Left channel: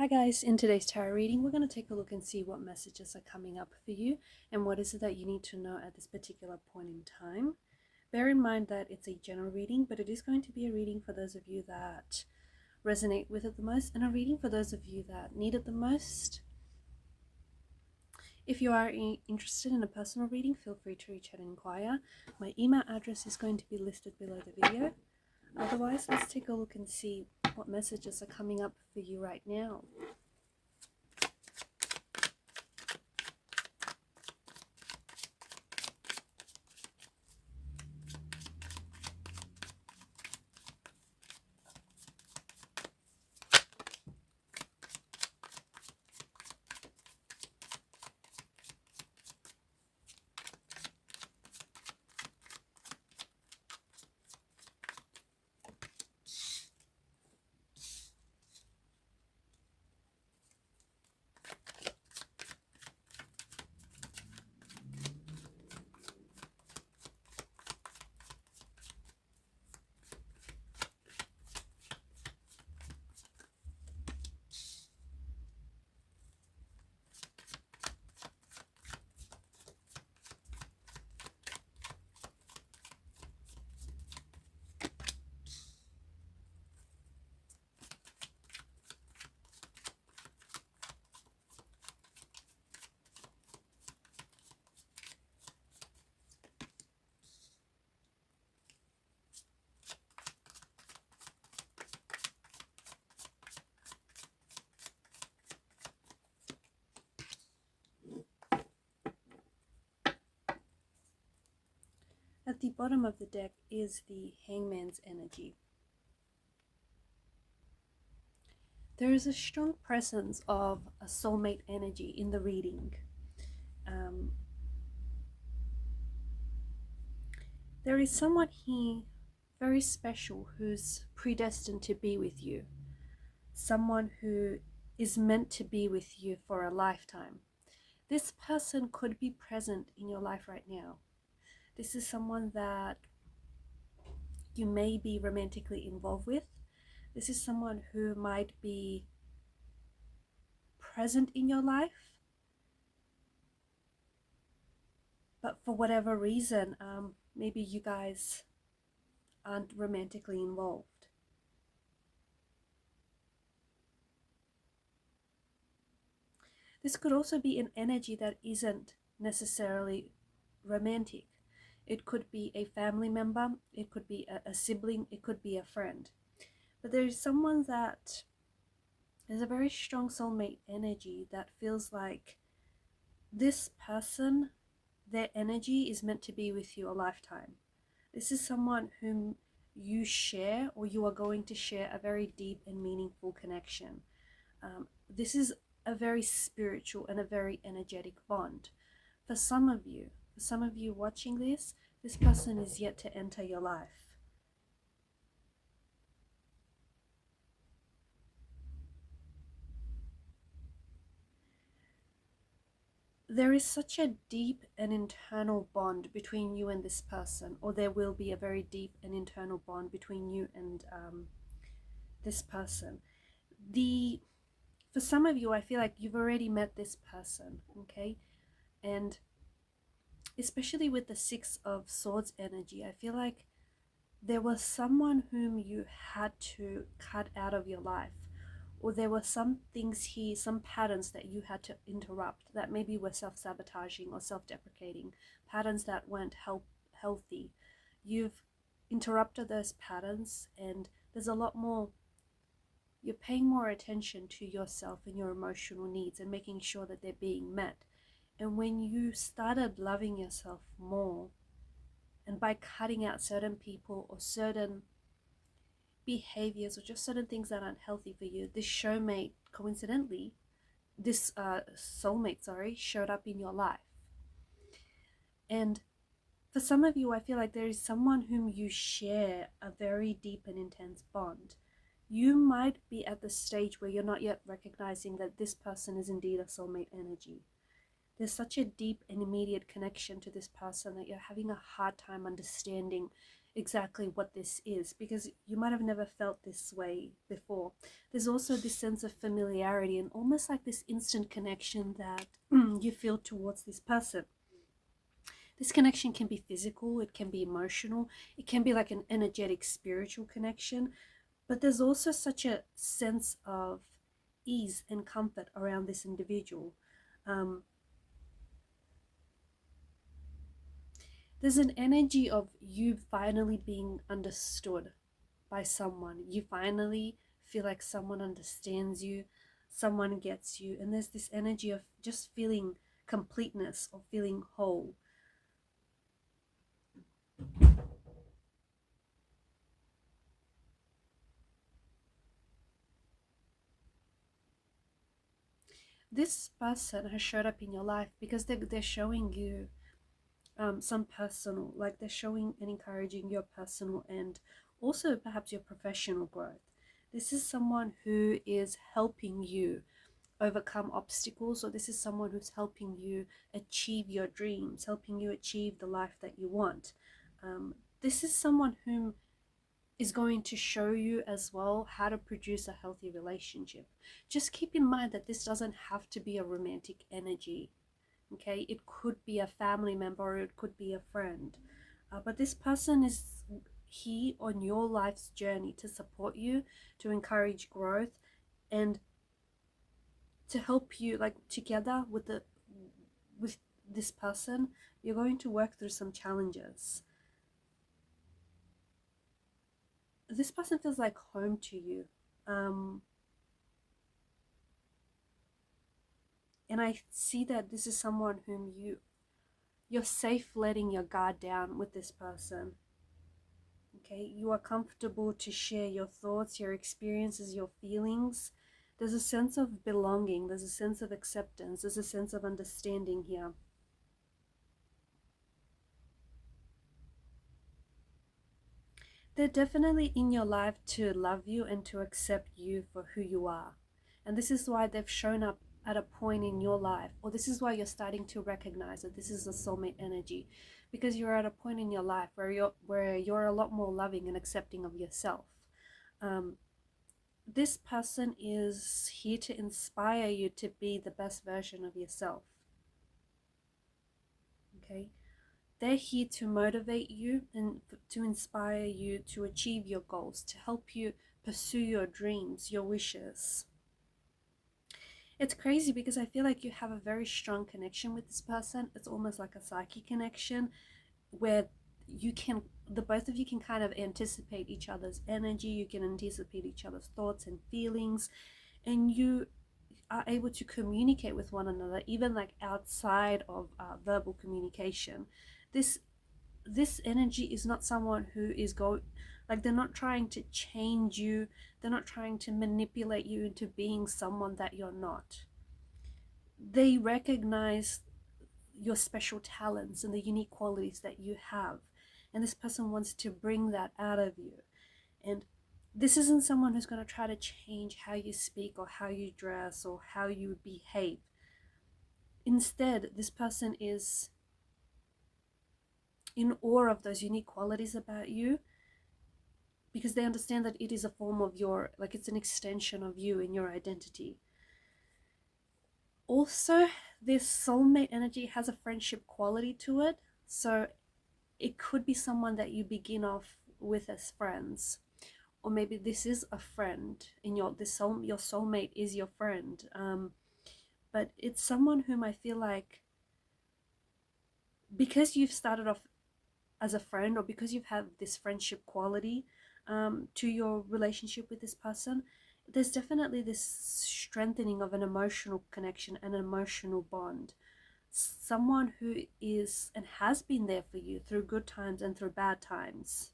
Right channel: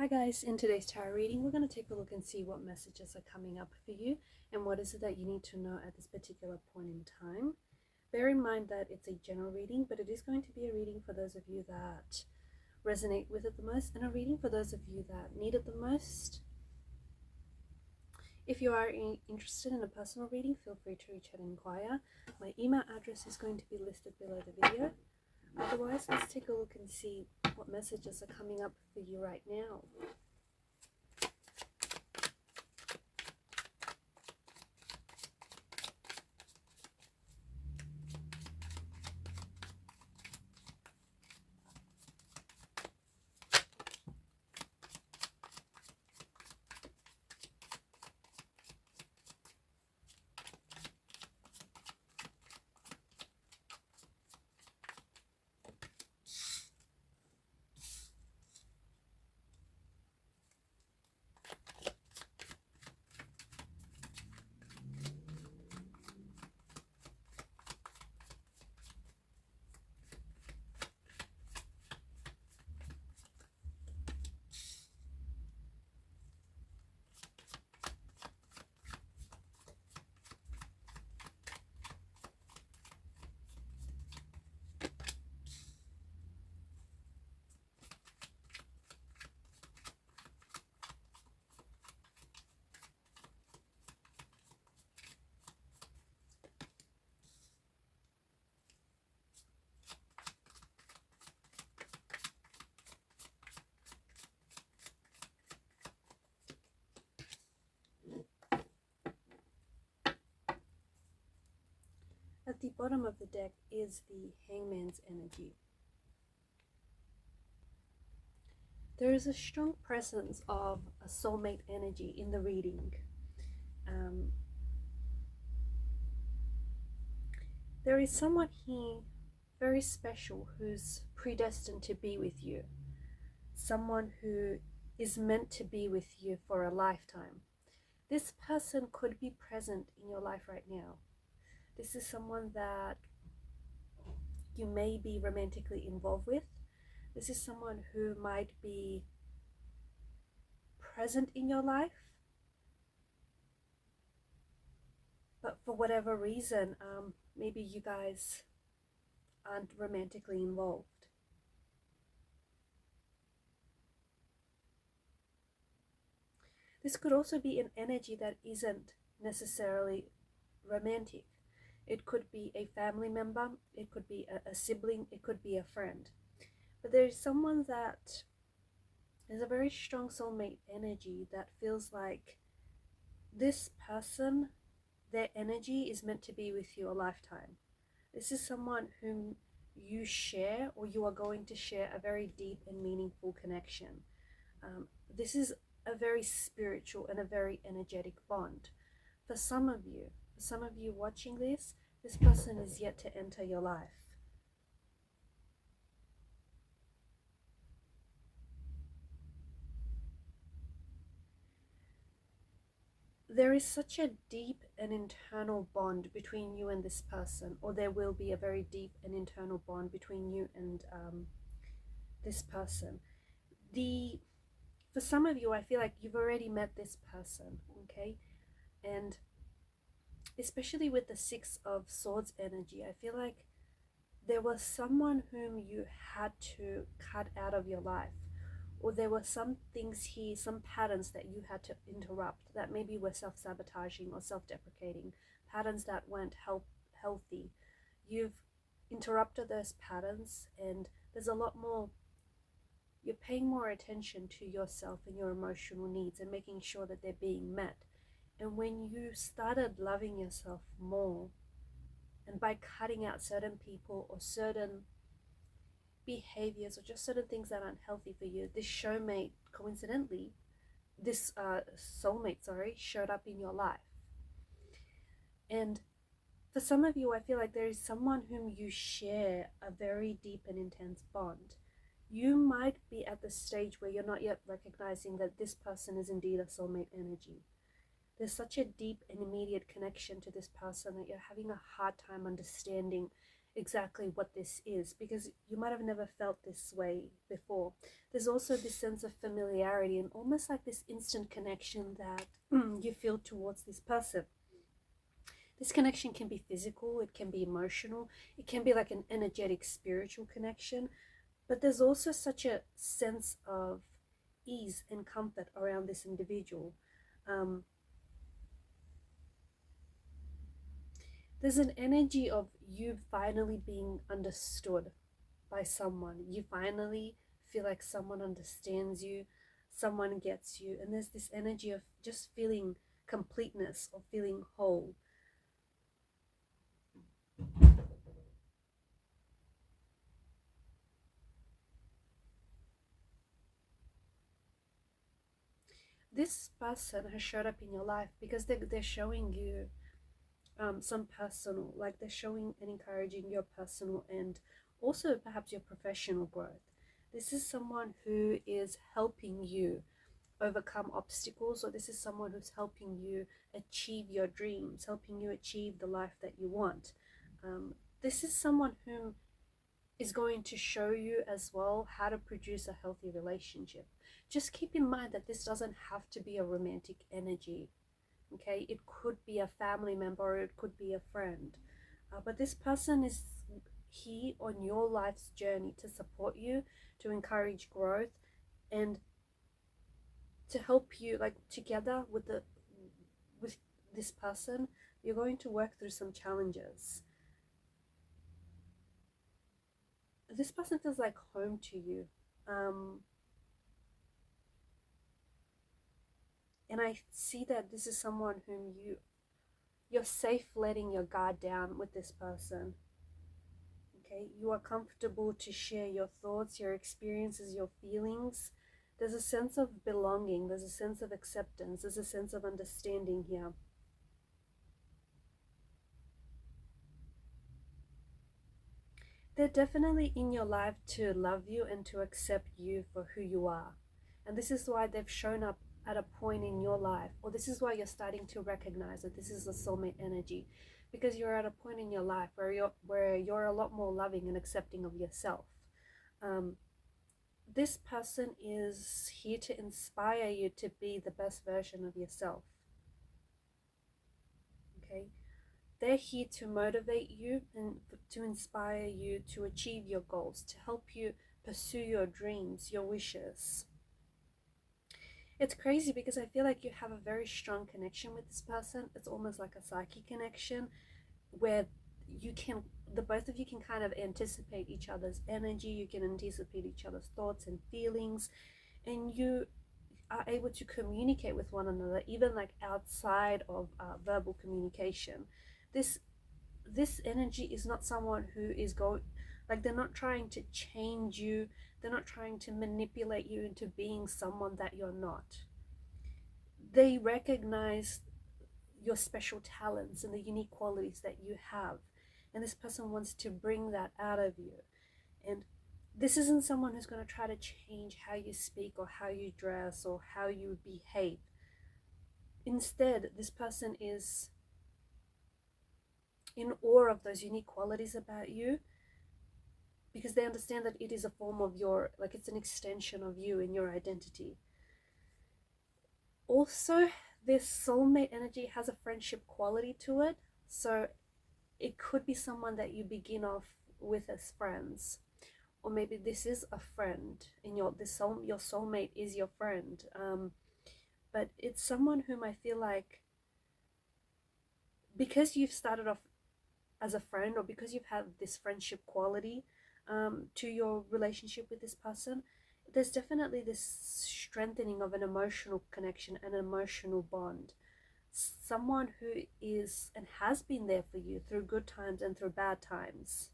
Hi guys, in today's tarot reading, we're going to take a look and see what messages are coming up for you and what is it that you need to know at this particular point in time. Bear in mind that it's a general reading, but it is going to be a reading for those of you that resonate with it the most and a reading for those of you that need it the most. If you are interested in a personal reading, feel free to reach out and inquire. My email address is going to be listed below the video. Otherwise, let's take a look and see what messages are coming up for you right now. At the bottom of the deck is the Hangman's energy. There is a strong presence of a soulmate energy in the reading. There is someone here very special who's predestined to be with you. Someone who is meant to be with you for a lifetime. This person could be present in your life right now. This is someone that you may be romantically involved with. This is someone who might be present in your life, but for whatever reason, maybe you guys aren't romantically involved. This could also be an energy that isn't necessarily romantic. It could be a family member, it could be a sibling, it could be a friend. But there is someone that is a very strong soulmate energy that feels like this person, their energy is meant to be with you a lifetime. This is someone whom you share, or you are going to share, a very deep and meaningful connection. This is a very spiritual and a very energetic bond. For some of you watching this person is yet to enter your life. There is such a deep and internal bond between you and this person, or there will be a very deep and internal bond between you and this person. For some of you, I feel like you've already met this person, okay? And especially with the Six of Swords energy, I feel like there was someone whom you had to cut out of your life, or there were some things here, some patterns that you had to interrupt that maybe were self-sabotaging or self-deprecating, patterns that weren't healthy. You've interrupted those patterns, and there's a lot more, you're paying more attention to yourself and your emotional needs and making sure that they're being met. And when you started loving yourself more, and by cutting out certain people or certain behaviors or just certain things that aren't healthy for you, this soulmate showed up in your life. And for some of you, I feel like there is someone whom you share a very deep and intense bond. You might be at the stage where you're not yet recognizing that this person is indeed a soulmate energy. There's such a deep and immediate connection to this person that you're having a hard time understanding exactly what this is, because you might have never felt this way before. There's also this sense of familiarity and almost like this instant connection that you feel towards this person. This connection can be physical, it can be emotional, it can be like an energetic spiritual connection, but there's also such a sense of ease and comfort around this individual. Um, there's an energy of you finally being understood by someone. You finally feel like someone understands you, someone gets you, and there's this energy of just feeling completeness or feeling whole. This person has showed up in your life because they're showing you some personal, like they're showing and encouraging your personal and also perhaps your professional growth. This is someone who is helping you overcome obstacles, or this is someone who's helping you achieve your dreams, helping you achieve the life that you want. This is someone whom is going to show you as well how to produce a healthy relationship. Just keep in mind that this doesn't have to be a romantic energy. Okay, it could be a family member or it could be a friend, but this person is here on your life's journey to support you, to encourage growth, and to help you, like together with this person you're going to work through some challenges. This person feels like home to you, um, and I see that this is someone whom you're safe letting your guard down with this person. Okay, you are comfortable to share your thoughts, your experiences, your feelings. There's a sense of belonging, there's a sense of acceptance, there's a sense of understanding here. They're definitely in your life to love you and to accept you for who you are. And this is why they've shown up at a point in your life, or this is why you're starting to recognize that this is a soulmate energy, because you're at a point in your life where you're a lot more loving and accepting of yourself. Um, this person is here to inspire you to be the best version of yourself. Okay, they're here to motivate you and to inspire you to achieve your goals, to help you pursue your dreams, your wishes. It's crazy because I feel like you have a very strong connection with this person. It's almost like a psychic connection where you can, the both of you can kind of anticipate each other's energy, you can anticipate each other's thoughts and feelings, and you are able to communicate with one another even like outside of verbal communication. This energy is not someone who is going, like they're not trying to change you, they're not trying to manipulate you into being someone that you're not. They recognize your special talents and the unique qualities that you have, and this person wants to bring that out of you. And this isn't someone who's going to try to change how you speak or how you dress or how you behave. Instead, this person is in awe of those unique qualities about you, because they understand that it is a form of your, like it's an extension of you and your identity. Also, this soulmate energy has a friendship quality to it, so it could be someone that you begin off with as friends, or maybe this is a friend in your soulmate is your friend, but it's someone whom I feel like, because you've started off as a friend, or because you've had this friendship quality to your relationship with this person, there's definitely this strengthening of an emotional connection and an emotional bond. Someone who is and has been there for you through good times and through bad times.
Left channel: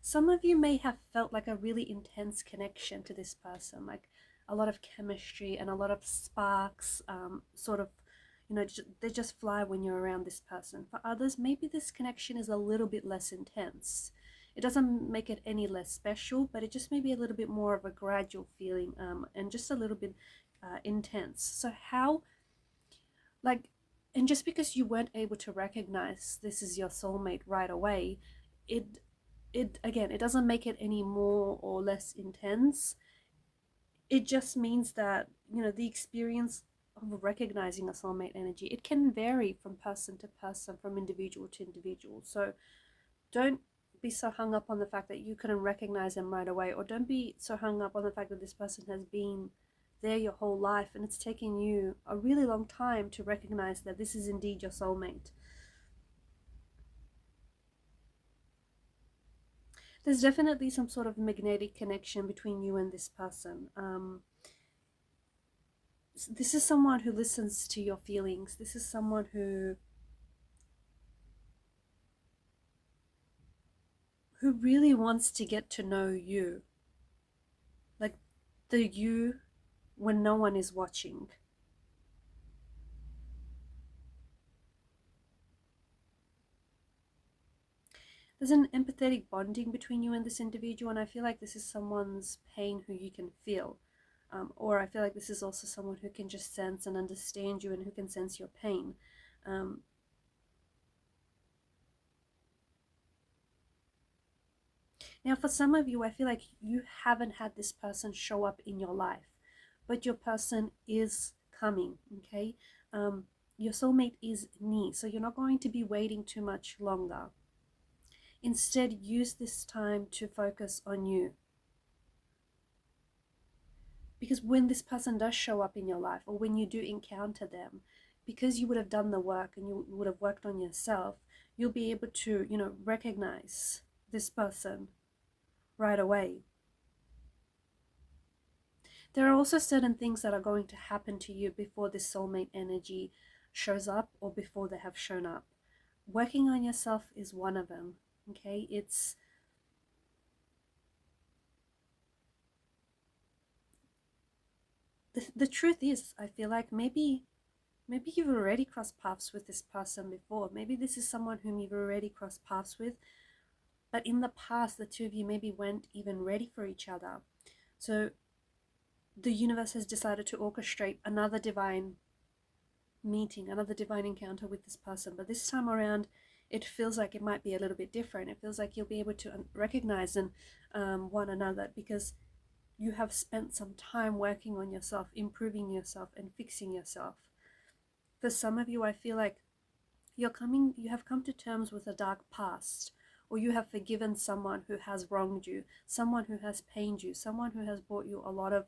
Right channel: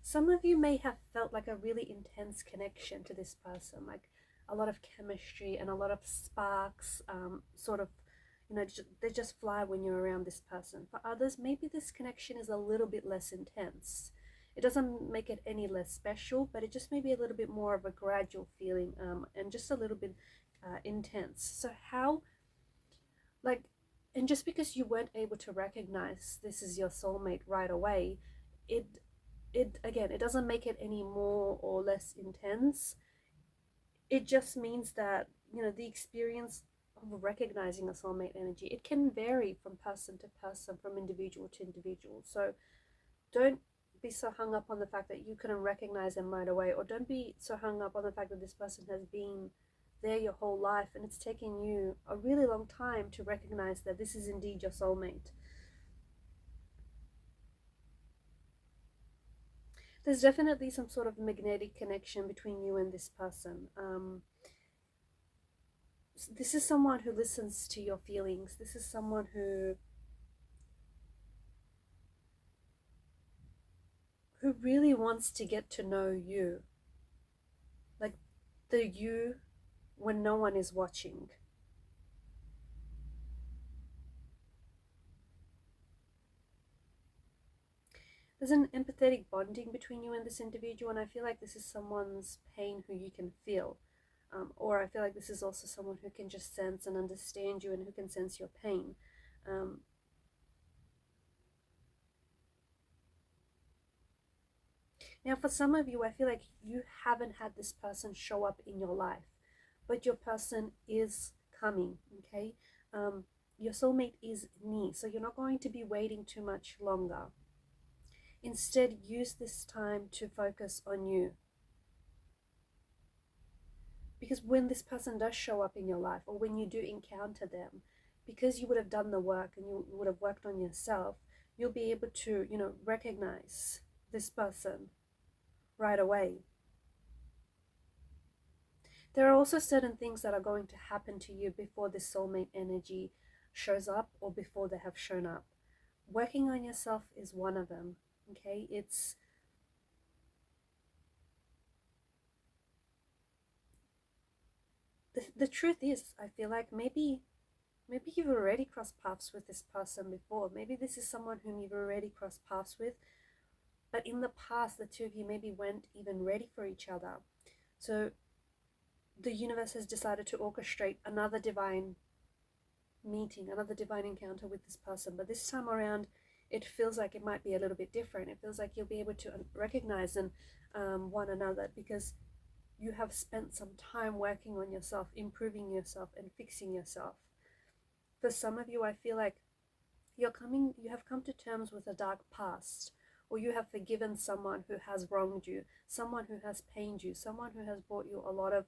Some of you may have felt like a really intense connection to this person, like a lot of chemistry and a lot of sparks, sort of, you know, they just fly when you're around this person. For others, maybe this connection is a little bit less intense. It doesn't make it any less special, but it just may be a little bit more of a gradual feeling, and just a little bit intense. So how, like, And just because you weren't able to recognize this is your soulmate right away, it again, it doesn't make it any more or less intense. It just means that, you know, the experience of recognizing a soulmate energy, it can vary from person to person, from individual to individual. So don't be so hung up on the fact that you couldn't recognize them right away, or don't be so hung up on the fact that this person has been there your whole life and it's taken you a really long time to recognize that this is indeed your soulmate. There's definitely some sort of magnetic connection between you and this person. This is someone who listens to your feelings. This is someone who really wants to get to know you, like the you when no one is watching. There's an empathetic bonding between you and this individual, and I feel like this is someone's pain who you can feel. Or I feel like this is also someone who can just sense and understand you and who can sense your pain. Now, for some of you, I feel like you haven't had this person show up in your life, but your person is coming, okay? Your soulmate is near, so you're not going to be waiting too much longer. Instead, use this time to focus on you. Because when this person does show up in your life, or when you do encounter them, because you would have done the work and you would have worked on yourself, you'll be able to, you know, recognize this person right away. There are also certain things that are going to happen to you before this soulmate energy shows up, or before they have shown up. Working on yourself is one of them, okay? It's the truth is, I feel like maybe you've already crossed paths with this person before. Maybe this is someone whom you've already crossed paths with, but in the past the two of you maybe weren't even ready for each other. So the universe has decided to orchestrate another divine meeting, another divine encounter with this person. But this time around, it feels like it might be a little bit different. It feels like you'll be able to recognize one another, because you have spent some time working on yourself, improving yourself, and fixing yourself. For some of you, I feel like you have come to terms with a dark past, or you have forgiven someone who has wronged you, someone who has pained you, someone who has brought you a lot of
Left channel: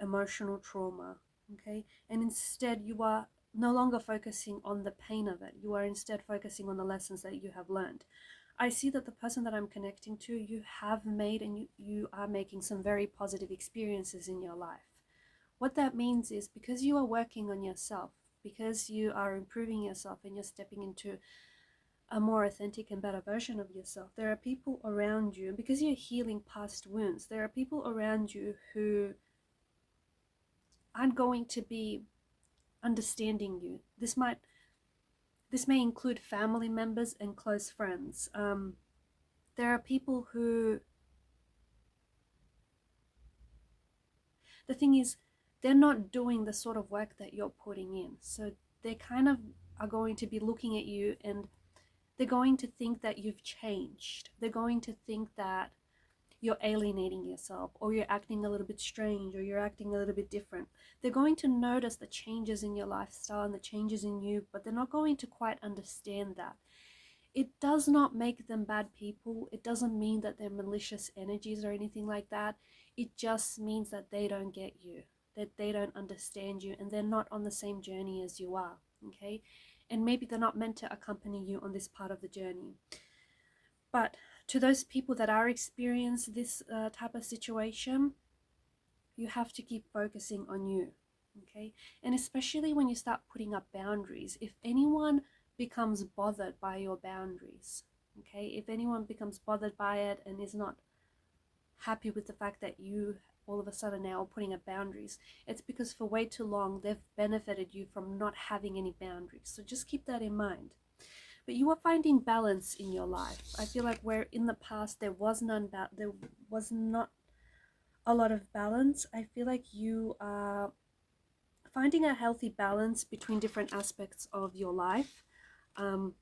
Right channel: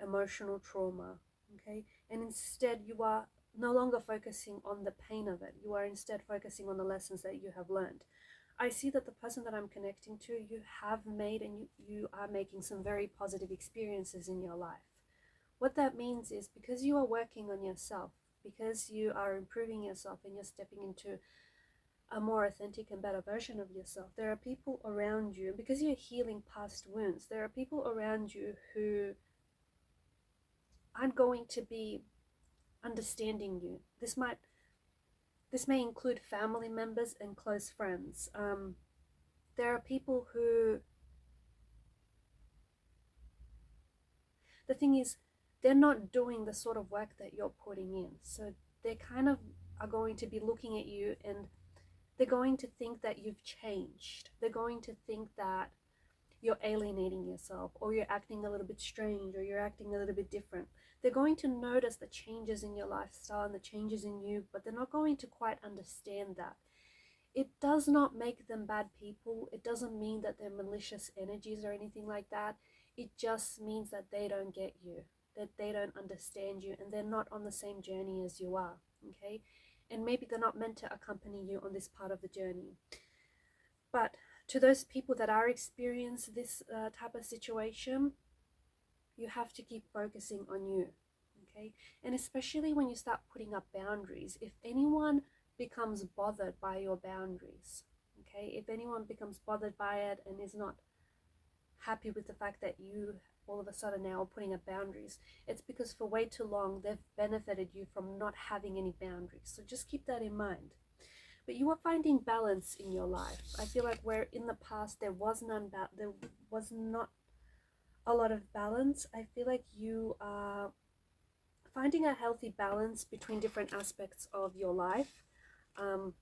emotional trauma, okay? And instead, you are no longer focusing on the pain of it. You are instead focusing on the lessons that you have learned. I see that the person that I'm connecting to, you have made and you are making some very positive experiences in your life. What that means is, because you are working on yourself, because you are improving yourself and you're stepping into a more authentic and better version of yourself, there are people around you, because you're healing past wounds, there are people around you who aren't going to be understanding you. This may include family members and close friends. There are people who, the thing is, they're not doing the sort of work that you're putting in. So they kind of are going to be looking at you, and they're going to think that you've changed. They're going to think that you're alienating yourself, or you're acting a little bit strange, or you're acting a little bit different. They're going to notice the changes in your lifestyle and the changes in you, but they're not going to quite understand that. It does not make them bad people. It doesn't mean that they're malicious energies or anything like that. It just means that they don't get you, that they don't understand you, and they're not on the same journey as you are, okay? And maybe they're not meant to accompany you on this part of the journey. But to those people that are experiencing this type of situation, you have to keep focusing on you, okay? And especially when you start putting up boundaries, if anyone becomes bothered by your boundaries, okay, if anyone becomes bothered by it and is not happy with the fact that you all of a sudden now are putting up boundaries, it's because for way too long they've benefited you from not having any boundaries. So just keep that in mind. But you are finding balance in your life. I feel like where in the past there was not a lot of balance, I feel like you are finding a healthy balance between different aspects of your life. And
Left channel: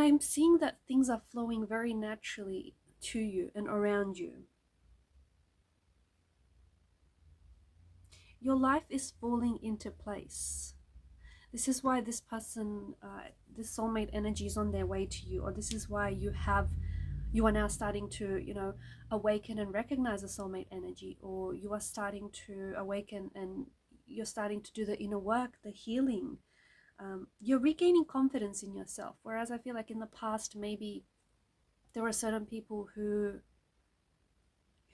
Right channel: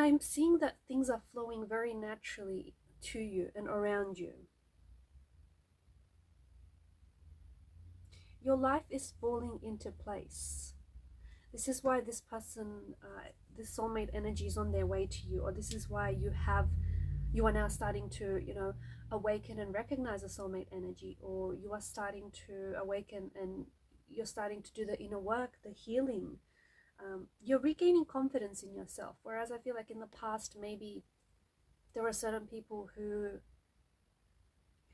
I'm seeing that things are flowing very naturally to you and around you. Your life is falling into place. This is why this person, this soulmate energy is on their way to you, or this is why you are now starting to, you know, awaken and recognize a soulmate energy, or you are starting to awaken and you're starting to do the inner work, the healing. You're regaining confidence in yourself. Whereas I feel like in the past, maybe there were certain people who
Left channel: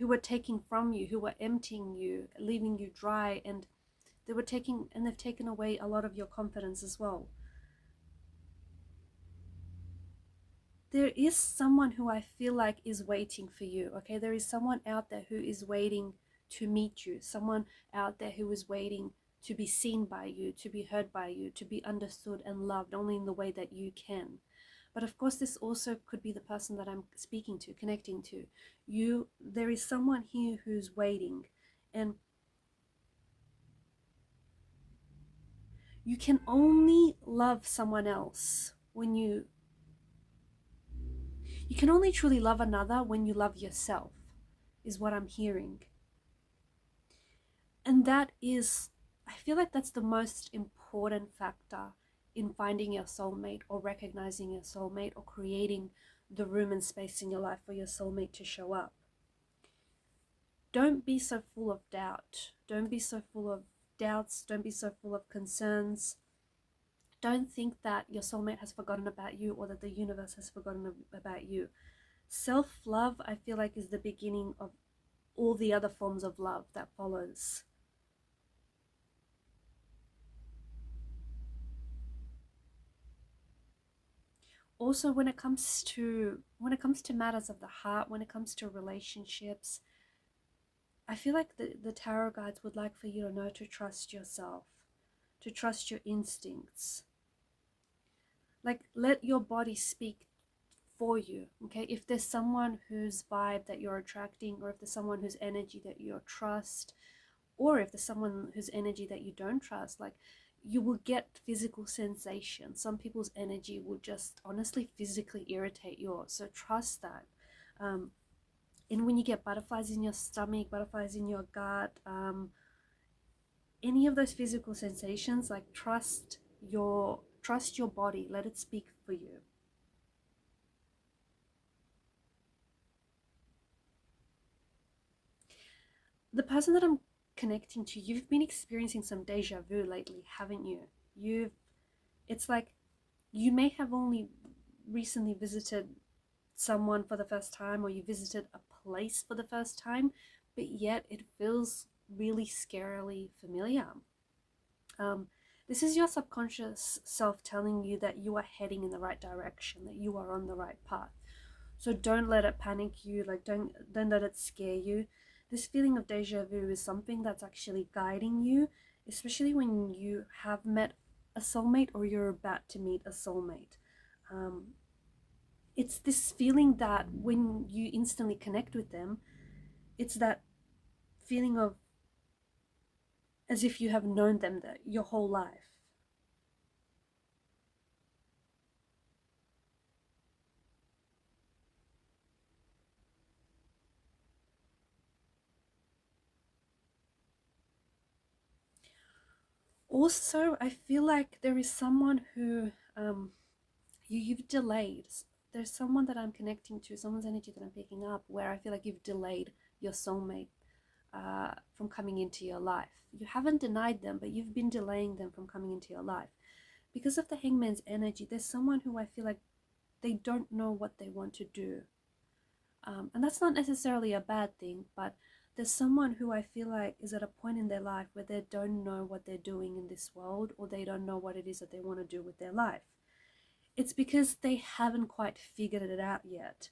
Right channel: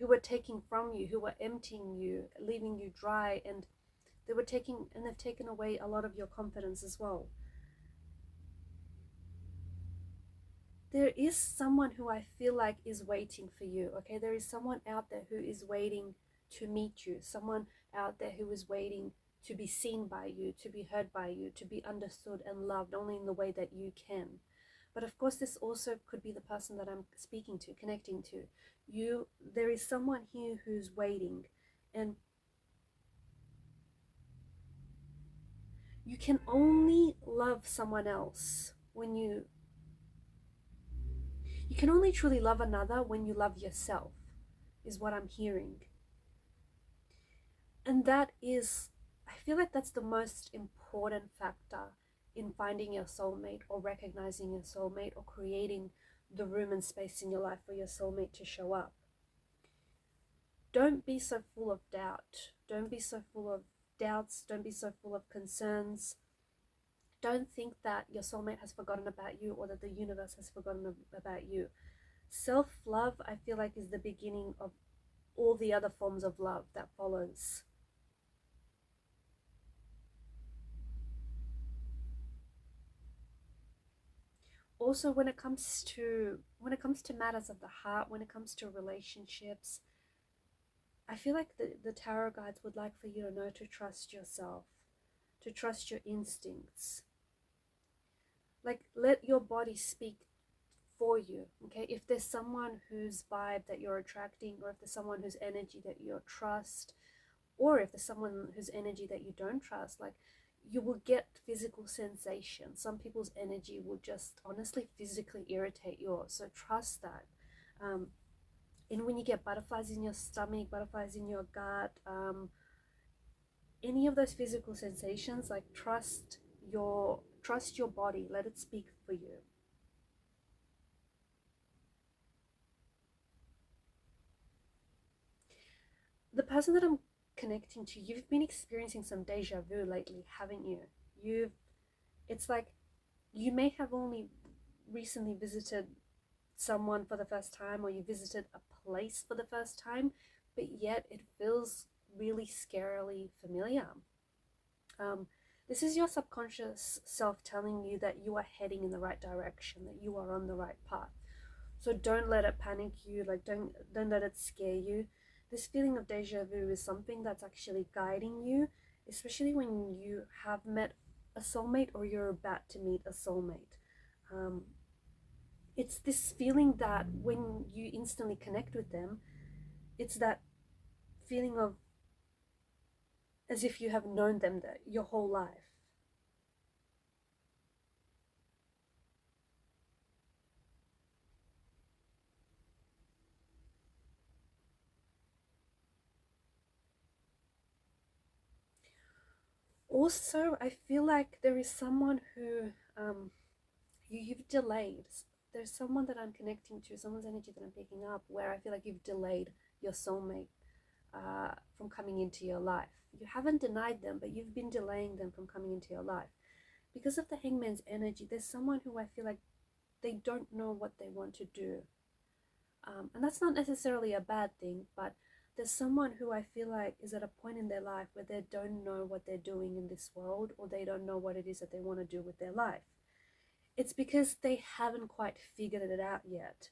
were taking from you, who were emptying you, leaving you dry, and they've taken away a lot of your confidence as well. There is someone who I feel like is waiting for you, okay? There is someone out there who is waiting to meet you, someone out there who is waiting to be seen by you, to be heard by you, to be understood and loved only in the way that you can. But of course, this also could be the person that I'm speaking to, connecting to. There is someone here who's waiting, and you can only love someone else when you can only truly love another when you love yourself, is what I'm hearing. And that is, I feel like that's the most important factor in finding your soulmate, or recognizing your soulmate, or creating the room and space in your life for your soulmate to show up. Don't be so full of doubt. Don't be so full of doubts. Don't be so full of concerns. Don't think that your soulmate has forgotten about you, or that the universe has forgotten about you. Self-love, I feel like, is the beginning of all the other forms of love that follows. Also, when it comes to matters of the heart, when it comes to relationships, I feel like the tarot guides would like for you to know to trust yourself, to trust your instincts. Like, let your body speak for you, okay? If there's someone whose vibe that you're attracting, or if there's someone whose energy that you trust, or if there's someone whose energy that you don't trust, like, you will get physical sensation. Some people's energy will just honestly physically irritate yours, so trust that. And when you get butterflies in your stomach, butterflies in your gut, any of those physical sensations, like, trust your body, let it speak for you. The person that I'm connecting to, you've been experiencing some deja vu lately, haven't you? It's like you may have only recently visited someone for the first time, or you visited a place for the first time, but yet it feels really scarily familiar. This is your subconscious self telling you that you are heading in the right direction, that you are on the right path. So don't let it panic you, like, don't let it scare you. This feeling of deja vu is something that's actually guiding you, especially when you have met a soulmate, or you're about to meet a soulmate. It's this feeling that when you instantly connect with them, it's that feeling of as if you have known them your whole life. Also, I feel like there is someone who you've delayed. There's someone that I'm connecting to, someone's energy that I'm picking up, where I feel like you've delayed your soulmate from coming into your life. You haven't denied them, but you've been delaying them from coming into your life. Because of the Hangman's energy, there's someone who I feel like they don't know what they want to do. And that's not necessarily a bad thing, but there's someone who I feel like is at a point in their life where they don't know what they're doing in this world, or they don't know what it is that they want to do with their life. It's because they haven't quite figured it out yet.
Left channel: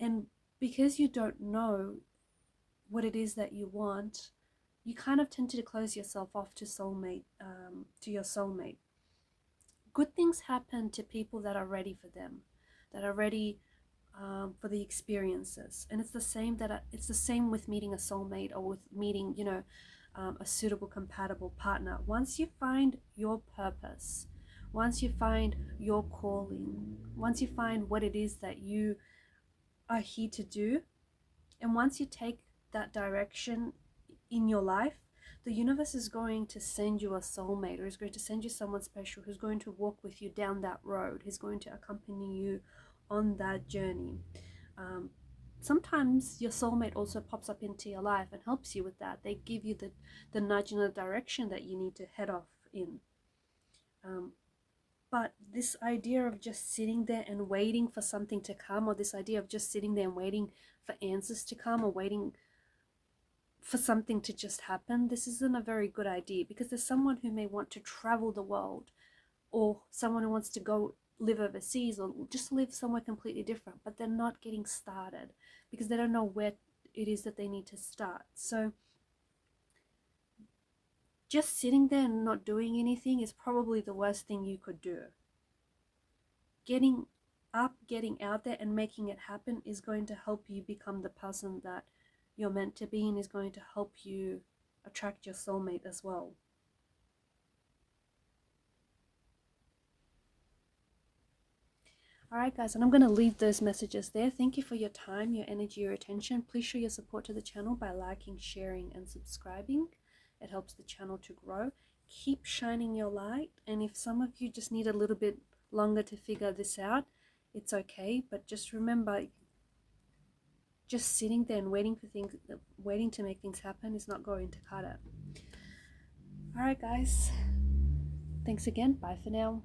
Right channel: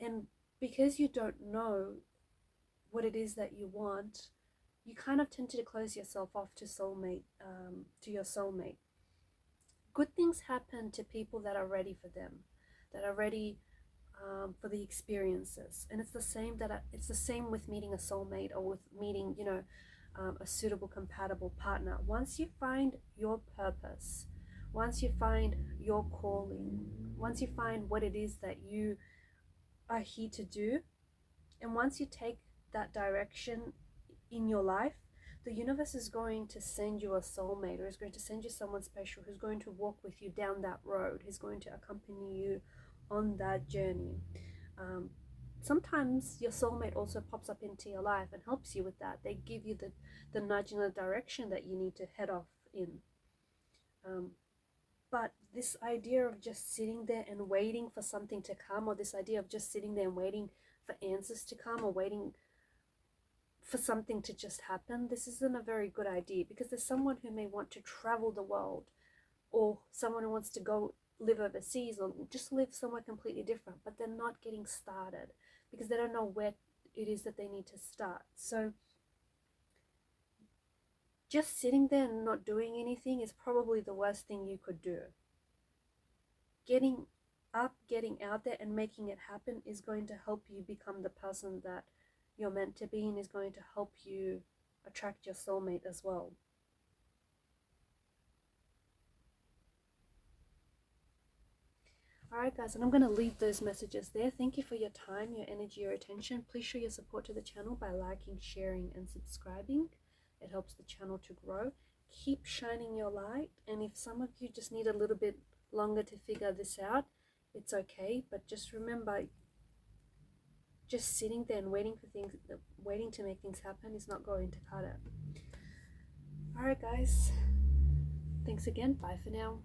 And because you don't know what it is that you want, you kind of tend to close yourself off to your soulmate. Good things happen to people that are ready for them, that are ready for the experiences. And it's the same with meeting a soulmate, or with meeting, you know, a suitable, compatible partner. Once you find your purpose, once you find your calling, once you find what it is that you are here to do, and once you take that direction in your life, the universe is going to send you a soulmate, or is going to send you someone special who's going to walk with you down that road, who's going to accompany you on that journey. Sometimes your soulmate also pops up into your life and helps you with that. They give you the nudge in the direction that you need to head off in. But this idea of just sitting there and waiting for something to come, or this idea of just sitting there and waiting for answers to come, or waiting for something to just happen, this isn't a very good idea, because there's someone who may want to travel the world, or someone who wants to go live overseas, or just live somewhere completely different, but they're not getting started because they don't know where it is that they need to start. So just sitting there and not doing anything is probably the worst thing you could do. Getting up, getting out there and making it happen is going to help you become the person that you're meant to be, and is going to help you attract your soulmate as well. Alright guys, and I'm going to leave those messages there. Thank you for your time, your energy, your attention. Please show your support to the channel by liking, sharing and subscribing. It helps the channel to grow. Keep shining your light, and if some of you just need a little bit longer to figure this out, it's okay. But just remember, just sitting there and waiting to make things happen is not going to cut it. Alright guys, thanks again. Bye for now.